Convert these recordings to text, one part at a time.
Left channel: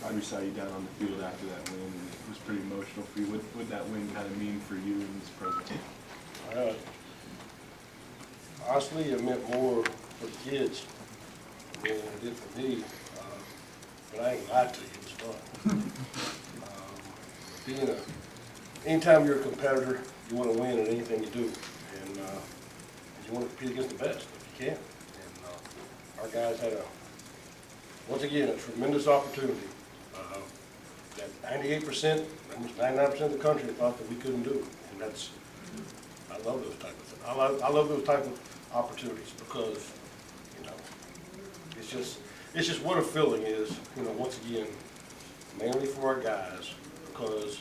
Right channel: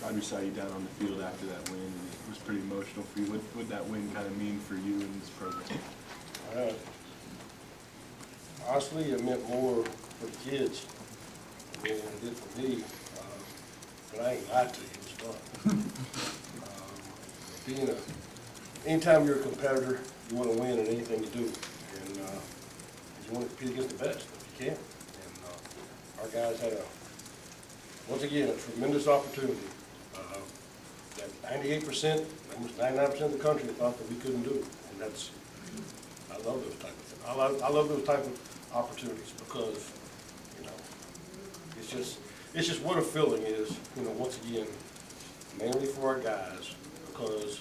probably saw you down on the field after that win, and it was pretty emotional for you. What would that win kind of mean for you in this program? Honestly, it meant more for the kids than it did for me. But I ain't lied to you, it was fun. Anytime you're a competitor, you want to win in anything you do, and you want to compete against the best if you can. And our guys had once again, a tremendous opportunity that 98%, almost 99% of the country thought that we couldn't do, and I love those type of things. I love those type of opportunities because, you know, it's just what a feeling is, you know, once again, mainly for our guys, because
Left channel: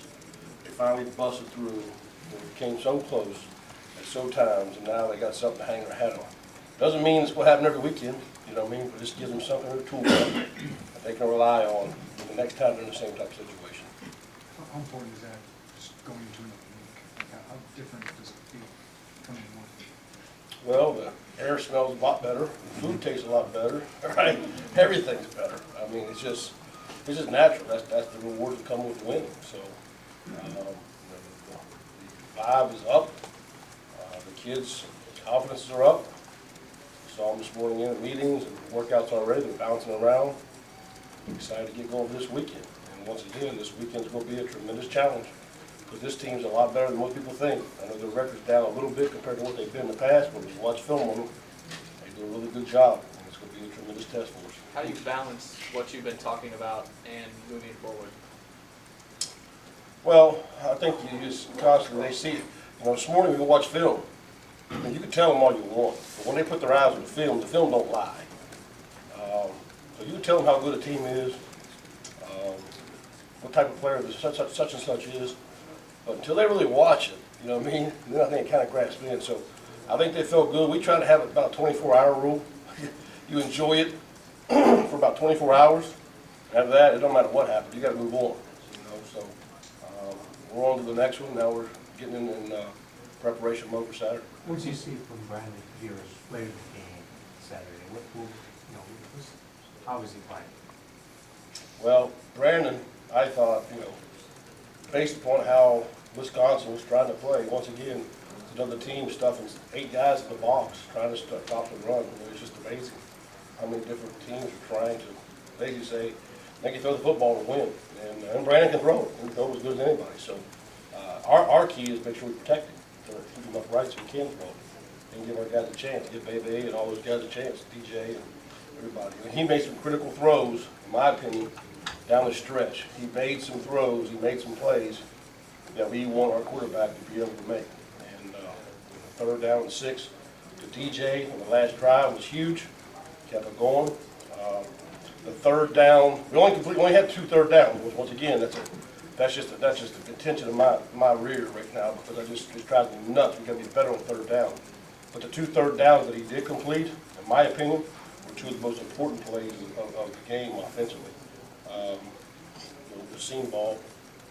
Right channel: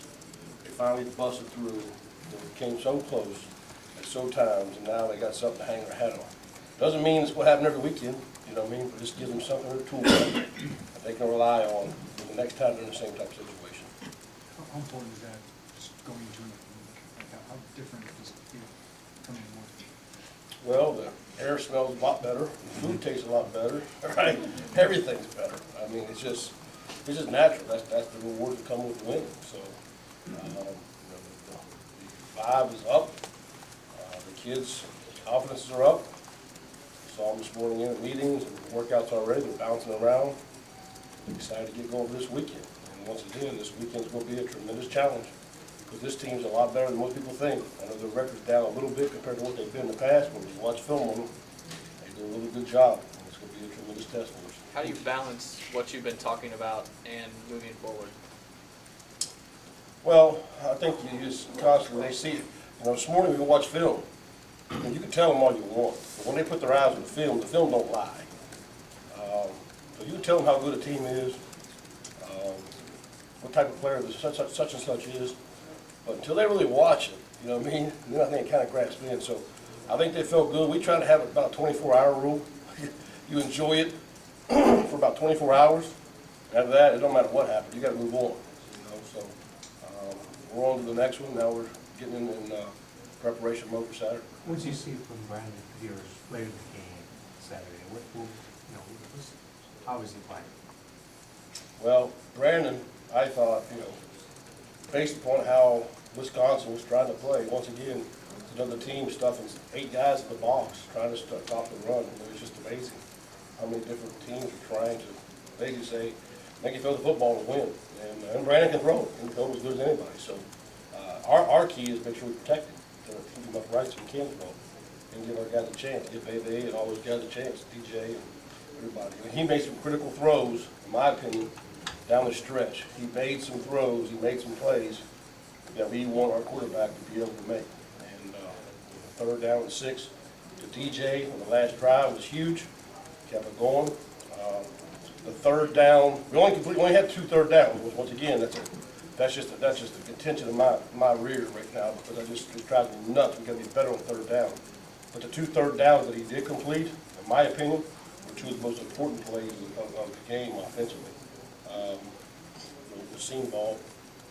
they finally busted through and came so close at so times, and now they got something to hang their hat on. Doesn't mean it's what happen every weekend, you know what I mean, but this gives them something in the tool that they can rely on the next time they're in the same type of situation. How important is that, just going to another league? Like how different does it feel coming to work? Well, the air smells a lot better, the food tastes a lot better, right? Everything's better. I mean, it's just natural. That's the rewards that come with winning. So, the vibe is up. The kids' confidences are up. Saw them this morning in meetings and workouts already. They're bouncing around. I'm excited to get going for this weekend. And once again, this weekend's going to be a tremendous challenge because this team's a lot better than most people think. I know their record's down a little bit compared to what they've been in the past, but when you watch film on them, they do a really good job, and it's going to be a tremendous test for us. How do you balance what you've been talking about and moving forward? Well, I think you just constantly, they see, you know, this morning we watched film, and you can tell them all you want, but when they put their eyes on the film don't lie. So you can tell them how good a team is, what type of player this such and such is, but until they really watch it, you know what I mean, then I think it kind of grasps in. So I think they felt good. We try to have about a 24-hour rule. You enjoy it for about 24 hours. After that, it don't matter what happens. You got to move on. You know, so we're on to the next one. Now we're getting in preparation mode for Saturday. What did you see from Brandon Pierce later in the game Saturday? How was he playing? Well, Brandon, I thought, you know, based upon how Wisconsin was trying to play, once again, it's another team stuffing 8 guys in the box trying to stop the run. It was just amazing how many different teams are trying to basically say, make you throw the football to win. And Brandon can throw it. He can throw it as good as anybody. So our key is make sure we protect him, to keep him upright so he can throw it, and give our guys a chance, give Bebe and all those guys a chance, DJ and everybody. And he made some critical throws, in my opinion, down the stretch. He made some throws, he made some plays that we want our quarterback to be able to make. And 3rd down and 6 to DJ on the last drive was huge. Kept it going. The 3rd down, we only had 2 third downs. Once again, that's just a contention of my rear right now because it drives me nuts. We got to be better on 3rd down. But the 2 third downs that he did complete, in my opinion, were 2 of the most important plays of the game offensively. The seam ball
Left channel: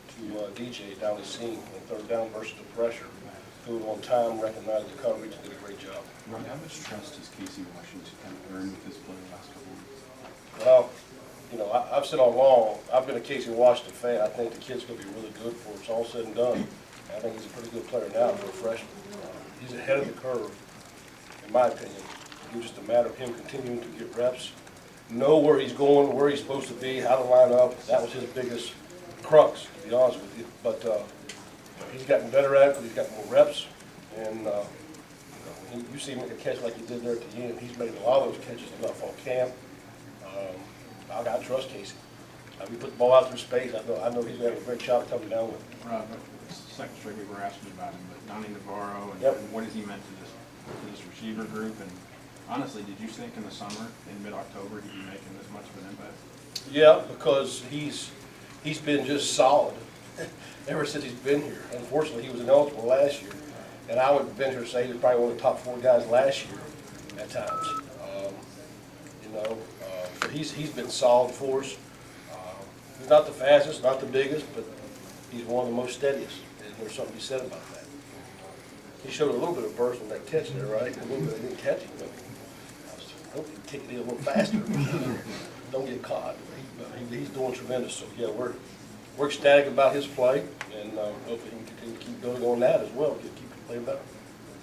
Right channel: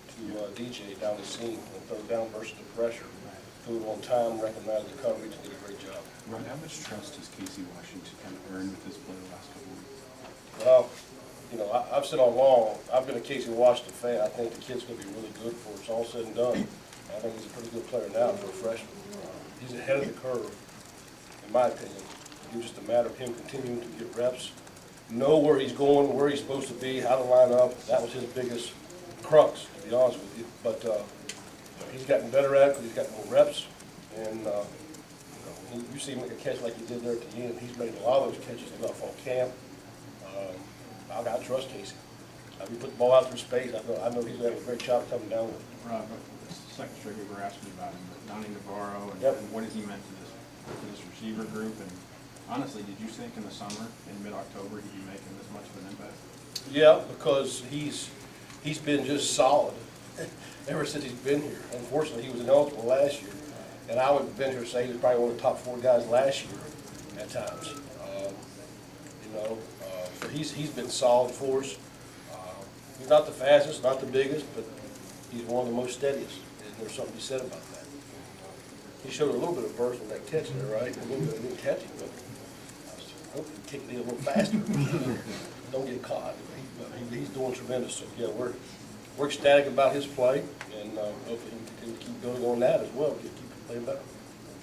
to DJ down the seam on 3rd down versus the pressure. Threw it on time, recognized the coverage, and did a great job. Rod, how much trust has Casey Washington kind of earned with this play the last couple of weeks? Well, you know, I've said all along, I've been a Casey Washington fan. I think the kid's going to be really good for it's all said and done. I think he's a pretty good player now for a freshman. He's ahead of the curve, in my opinion. It's just a matter of him continuing to get reps, know where he's going, where he's supposed to be, how to line up. That was his biggest crux, to be honest with you. But he's gotten better at it because he's got more reps. And you see him make a catch like he did there at the end. He's made a lot of those catches throughout fall camp. I got to trust Casey. We put the ball out through space. I know he's going to have a great shot coming down with it. Rod, it's the second straight week we're asking about him, but Donnie Navarro and, Yep. and what has he meant to this receiver group? And honestly, did you think in the summer, in mid-October, he'd be making this much of an impact? Yeah, because he's been just solid ever since he's been here. Unfortunately, he was ineligible last year, and I would venture to say he was probably one of the top 4 guys last year at times. But he's been solid for us. He's not the fastest, not the biggest, but he's one of the most steadiest, and there's something to be said about that. He showed a little bit of burst on that catch there, right? A little bit, I didn't catch him, but hope he can kick it in a little faster. Don't get caught. He's doing tremendous. So yeah, we're ecstatic about his play, and hopefully he can continue to keep building on that as well, keep playing better.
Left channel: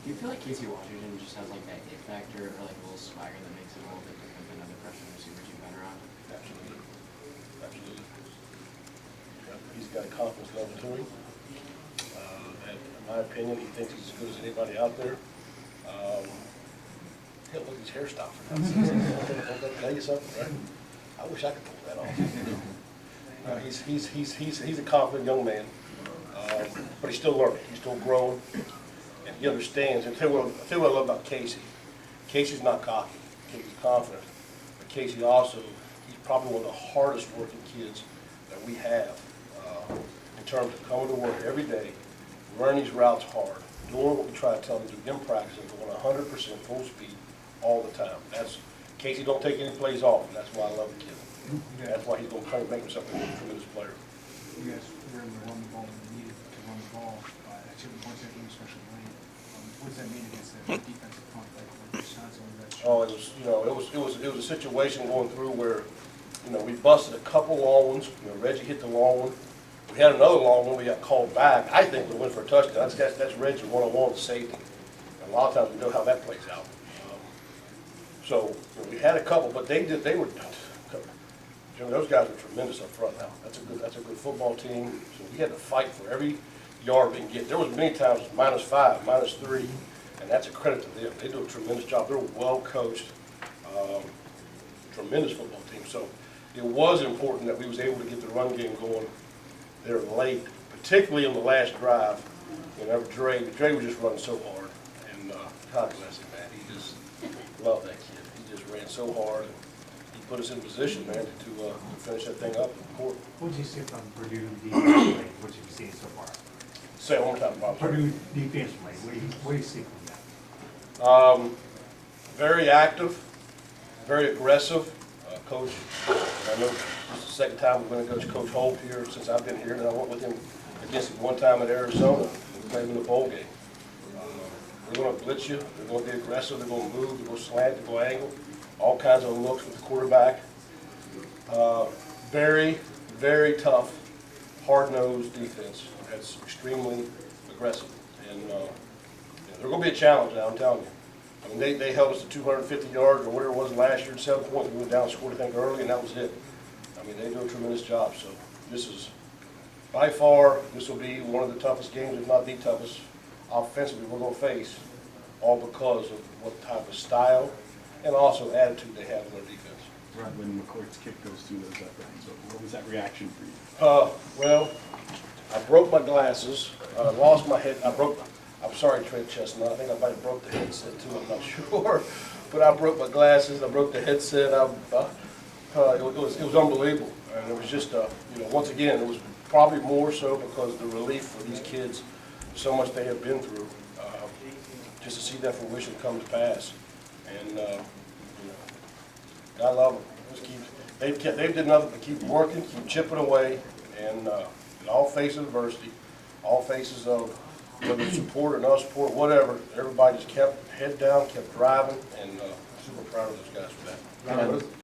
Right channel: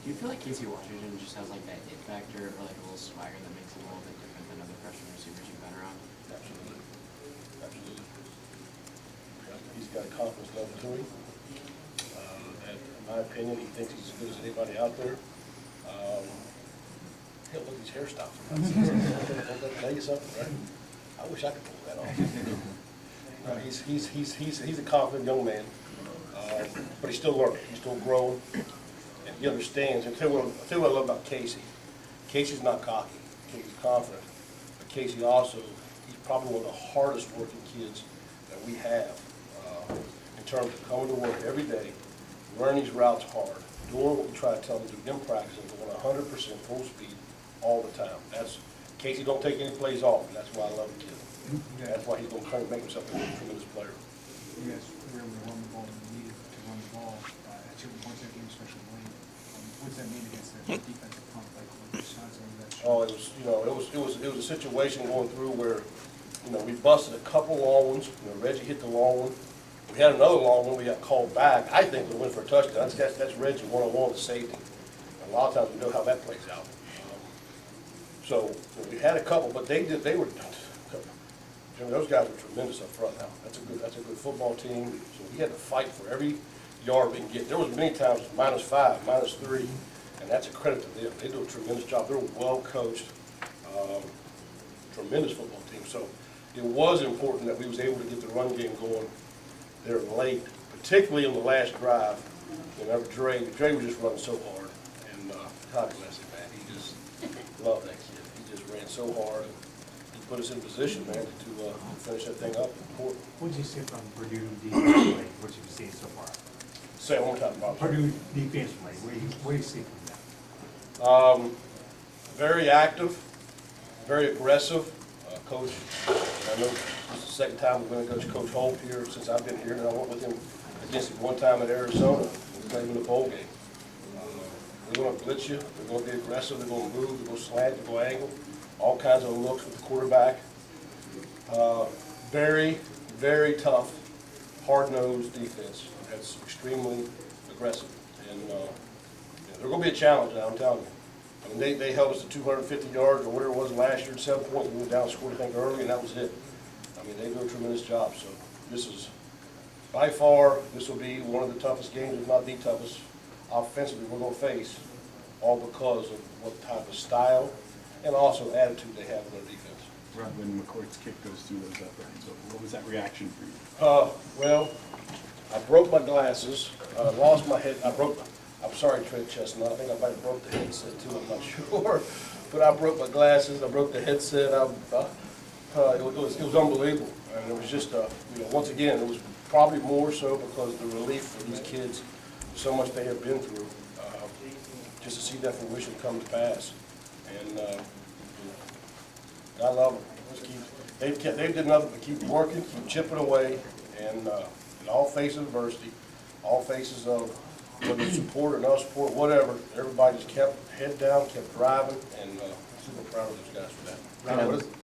Do you feel like Casey Washington just has like that it factor or like a little swagger that makes him a little bit different than other freshman receivers you've been around? Absolutely. Absolutely. Yeah, he's got a confidence level to him. And in my opinion, he thinks he's as good as anybody out there. Hell, look at his hairstyle for now. Don't that tell you something, right? I wish I could pull that off. He's a confident young man, but he's still learning. He's still growing, and he understands. And tell you what I love about Casey. Casey's not cocky. Casey's confident, but Casey also, he's probably one of the hardest working kids that we have in terms of coming to work every day, learning these routes hard, doing what we try to tell him to do in practice, and going 100% full speed all the time. Casey don't take any plays off, and that's why I love the kid. That's why he's going to make himself a tremendous player. You guys were able to run the ball when you needed to run the ball at certain points in that game, especially late. What does that mean against the defensive front? Like shots over that? Oh, it was a situation going through where, we busted a couple long ones. Reggie hit the long one. We had another long one we got called back. I think we went for a touchdown. That's Reggie one-on-one with safety. And a lot of times we know how that plays out. So we had a couple, but they were. Jimmy, those guys were tremendous up front now. That's a good football team. So we had to fight for every yard we can get. There was many times -5, -3, and that's a credit to them. They do a tremendous job. They're well coached, tremendous football team. So it was important that we was able to get the run game going there late, particularly in the last drive. Whenever Dre was just running so hard, and God bless him, man. He just loved that kid. He just ran so hard. And he put us in position, man, to finish that thing up in the court. What did you see from Purdue defensively? What have you seen so far? Say it one more time, Bob. Purdue defensively, what do you see from them? Very active, very aggressive. Coach, I know this is the second time we're going to coach Coach Holt here since I've been here, and I went with him against him one time at Arizona. We played him in the bowl game. They're going to blitz you. They're going to be aggressive. They're going to move. They're going to slant. They're going to angle. All kinds of looks with the quarterback. Very, very tough, hard-nosed defense. That's extremely aggressive, and they're going to be a challenge now. I'm telling you. I mean, they held us to 250 yards or whatever it was last year, 7 points. We went down and scored, I think, early, and that was it. I mean, they do a tremendous job. So this is, by far, this will be one of the toughest games, if not the toughest, offensively we're going to face, all because of what type of style and also attitude they have on their defense. Right, when McCourt's kick goes through those uprights, what was that reaction for you? Well, I broke my glasses, lost my head, I'm sorry, Trent Chestnut, I think I might have broke the headset too, I'm not sure. But I broke my glasses, I broke the headset, it was unbelievable. And it was just, once again, it was probably more so because of the relief for these kids, so much they have been through, just to see that fruition come to pass. And, I love them. Just they've did nothing but keep working, keep chipping away, and in all faces of adversity, all faces of whether it's support or no support, whatever, everybody just kept head down, kept driving, and super proud of those guys for that. Ronnie,